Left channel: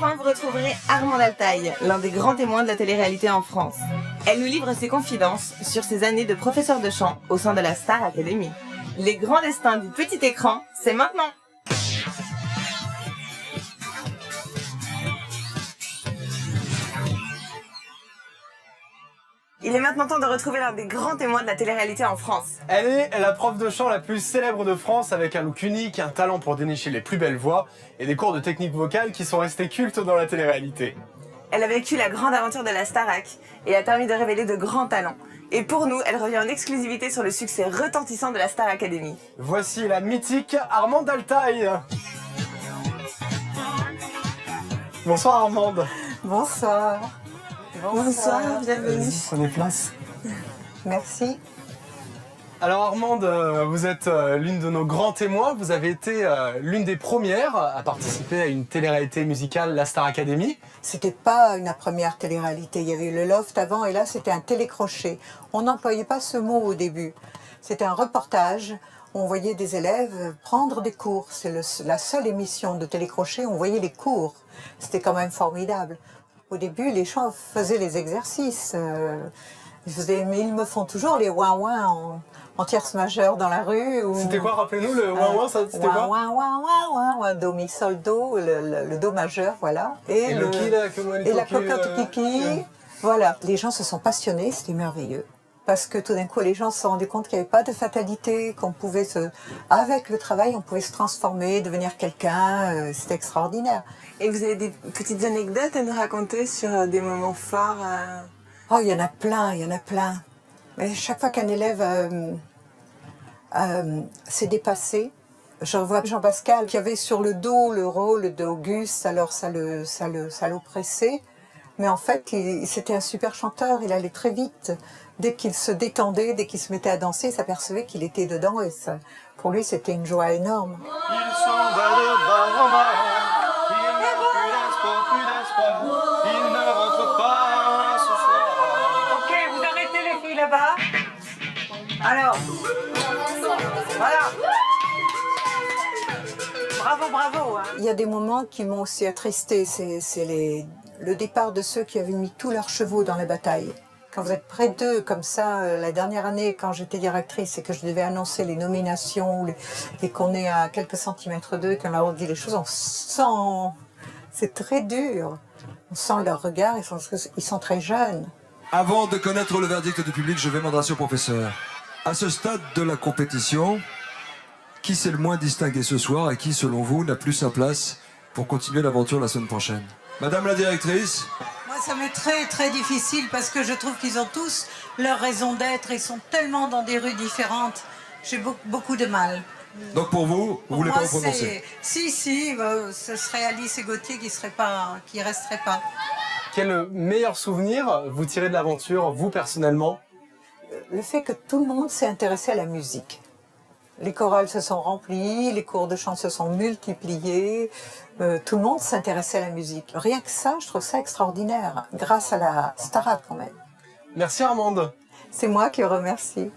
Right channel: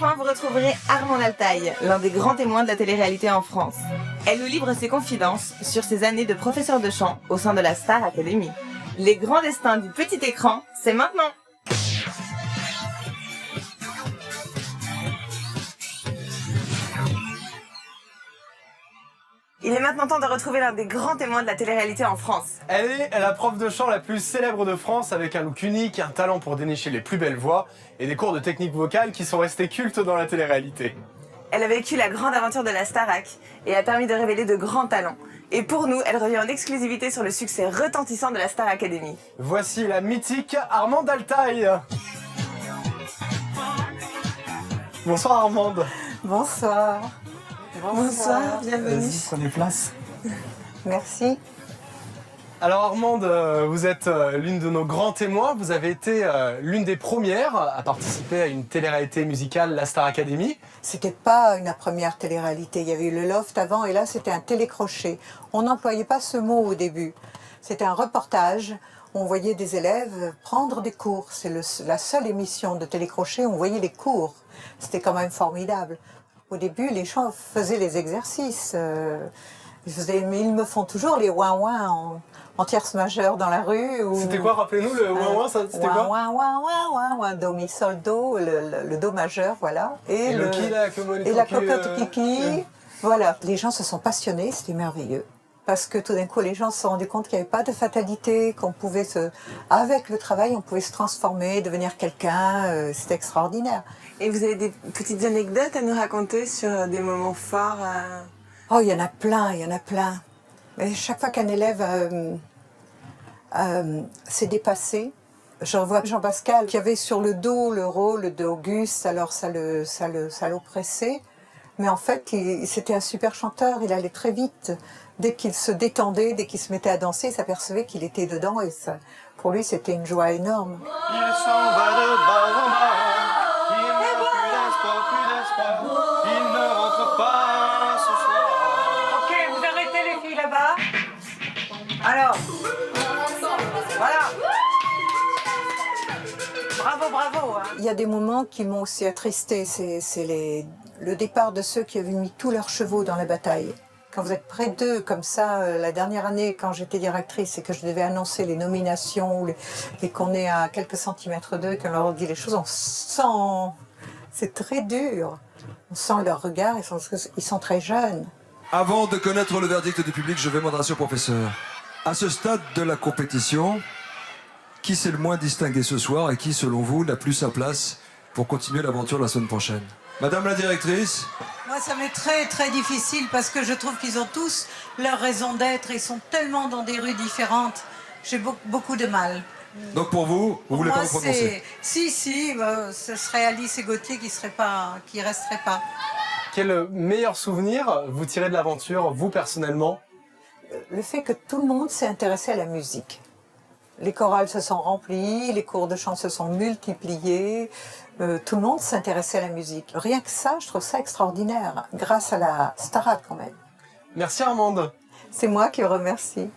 Enfin, vous retrouverez Armande Altaï, l'un des grands témoins de la télé-réalité en France. Elle nous livre ses confidences sur ses années de professeur de chant au sein de la Star Academy. Les grands destins du petit écran, c'est maintenant! Il est maintenant temps de retrouver l'un des grands témoins de la télé-réalité en France. Elle est la prof de chant la plus célèbre de France, avec un look unique, un talent pour dénicher les plus belles voix et des cours de technique vocale qui sont restés cultes dans la télé-réalité. Elle a vécu la grande aventure de la Starac et a permis de révéler de grands talents. Et pour nous, elle revient en exclusivité sur le succès retentissant de la Star Academy. Voici la mythique Armande Altaï. Bonsoir Armande. Bonsoir. Bonsoir, bienvenue. Prenez place. Merci. Alors Armande, vous êtes l'une de nos grands témoins. Vous avez été l'une des premières à participer à une télé-réalité musicale, la Star Academy. C'était pas une première télé-réalité. Il y avait eu le loft avant et là, c'était un télécrochet. On n'employait pas ce mot au début. C'était un reportage. On voyait des élèves prendre des cours. C'est la seule émission de télécrochet où on voyait les cours. C'était quand même formidable. Au début, les gens faisaient les exercices. Mais ils me font toujours les ouin-ouin en tierce majeure dans la rue. C'était quoi, rappelez-nous, le ouin-ouin, c'était quoi? Ouin, ouin, ouin, ouin, ouin, do, mi, sol, do, le do majeur, voilà. Et le qui, là, et la cocotte kiki. Voilà, les gens se sont passionnés, c'était merveilleux. Parce que tout d'un coup, les gens se sont rendus compte qu'il n'y avait pas de fatalité, qu'on pouvait avec le travail, on pouvait se transformer, devenir quelqu'un. C'était extraordinaire. Et vous avez des petites anecdotes à nous raconter sur des moments forts Oh, il y en a plein, il y en a plein. Mais chaque fois qu'un élève s'est dépassé, je revois Jean-Pascal qui avait sur le dos le rôle d'Auguste, alors ça l'oppressait. Mais en fait, c'était un super chanteur, il allait très vite. Dès qu'il se détendait, dès qu'il se mettait à danser, il s'apercevait qu'il était dedans et ça, pour lui, c'était une joie énorme. Il s'en va de bar en bar, il n'a plus d'espoir, il ne rentre pas ce soir. Ok, vous arrêtez les filles là-bas. Alors, voilà. Bravo, bravo. Hein. Il y a des moments qui m'ont aussi attristé. C'est le départ de ceux qui avaient mis tous leurs chevaux dans la bataille. Quand vous êtes près d'eux, comme ça, la dernière année, quand j'étais directrice et que je devais annoncer les nominations et qu'on est à quelques centimètres d'eux, qu'on leur dit les choses, on sent... C'est très dur. On sent leur regard, ils sont très jeunes. Avant de connaître le verdict du public, je vais m'adresser au professeur. À ce stade de la compétition, qui s'est le moins distingué ce soir et qui, selon vous, n'a plus sa place pour continuer l'aventure la semaine prochaine? Madame la directrice. Moi, ça m'est très, très difficile parce que je trouve qu'ils ont tous leur raison d'être. Ils sont tellement dans des rues différentes. J'ai beaucoup de mal. Donc pour vous, vous ne voulez pas vous prononcer? Si, ce serait Alice et Gauthier qui ne resteraient pas. Quel meilleur souvenir vous tirez de l'aventure, vous personnellement? Le fait que tout le monde s'est intéressé à la musique. Les chorales se sont remplies, les cours de chant se sont multipliés, tout le monde s'intéressait à la musique. Rien que ça, je trouve ça extraordinaire, grâce à la Starac quand même. Merci Armande. C'est moi qui vous remercie.